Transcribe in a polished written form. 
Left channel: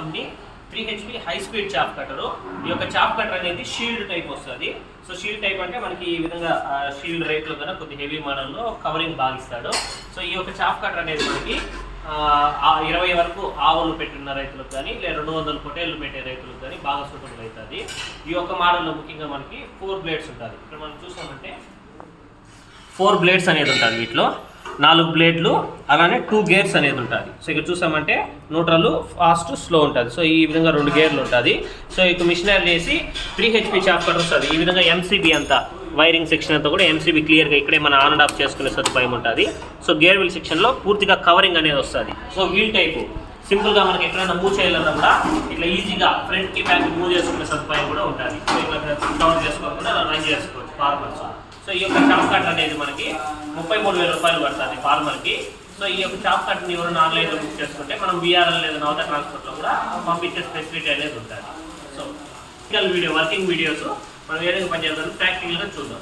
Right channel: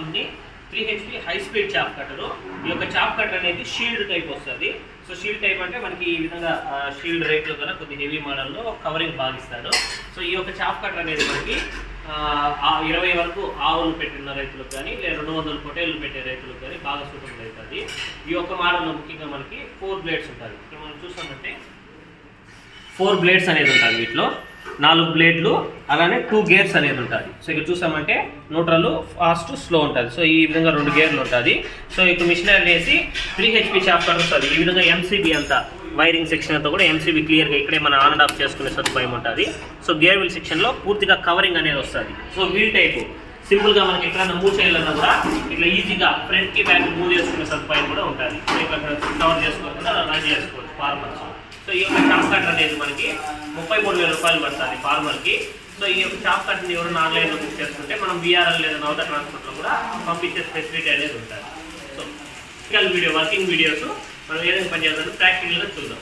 Company 3HP high speed chop కట్టరు. ఈ యొక్క చాప్ కట్టర్ అనేది షీల్డ్ టైప్ వస్తుంది. సో షీల్డ్ టైప్ అంటే మనకి ఈ విధంగా షీల్డ్ రేట్లో కన్నా కొద్ది హెవీ మోడల్లో కవరింగ్ బాగిస్తాడు. సో ఈ యొక్క చాప్ కట్టర్ అనేది మనకి 20 వరకు ఆవులు పెట్టిన రైతులకు కానీ లేదా 200 పొటేళ్ళు పెట్టే రైతులకు కానీ బాగా సూటబుల్ అవుతుంది. ఈ యొక్క మోడల్లో ముఖ్యంగా మనకి 4 బ్లేడ్స్ ఉంటుంది. ఇక్కడ మనం చూసామంటే 4 బ్లేడ్స్ అనేది ఉంటుంది. వీటిలో 4 బ్లేడ్లు అలానే 2 గేర్స్ అనేది ఉంటుంది. సో ఇక్కడ చూసామంటే న్యూట్రల్, ఫాస్ట్, స్లో ఉంటుంది. సో ఈ విధంగా 2 గేర్లు ఉంటుంది. సో ఇక మిషనరీ వేసి 3HP చాప్ కట్టర్ వస్తుంది. ఈ విధంగా ఎంసీబీ అంతా వైరింగ్ సెక్షన్ అంతా కూడా ఎంసీబీ క్లియర్గా ఇక్కడే మనం ఆన్ అండ్ ఆఫ్ చేసుకునే సదుపాయం ఉంటుంది. సో గేర్ వీల్ సెక్షన్లో పూర్తిగా కవరింగ్ అనేది వస్తుంది. సో వీల్ టైపు సింపుల్గా మనకి ఎక్కడైనా మూవ్ చేయాలన్నా కూడా ఇట్లా ఈజీగా ఫ్రంట్కి బ్యాక్ మూవ్ చేసుకునే సదుపాయం కూడా ఉంటుంది. సో ఇక్కడ కవర్ చేసుకోకుండా రన్ చేసుకోవచ్చు ఫార్మర్స్. సో ఈ యొక్క చాప్ కట్టర్ అనేది మనకి 33,000 రూపాయలు పడుతుంది ఫార్మర్కి. సో ఈ యొక్క చాప్ కట్టర్ని ఎవరైనా ఆన్లైన్లో బుక్ చేసుకుంటే మనం బీఆర్ఎల్ లేదా నవత ట్రాన్స్పోర్ట్లో కూడా పంపించే ఫెసిలిటీ అనేది ఉంటుంది. సో వర్కింగ్ వీడియోస్ మనం ఏ విధంగా పనిచేద్దాం ప్రాక్టికల్గా చూద్దాం.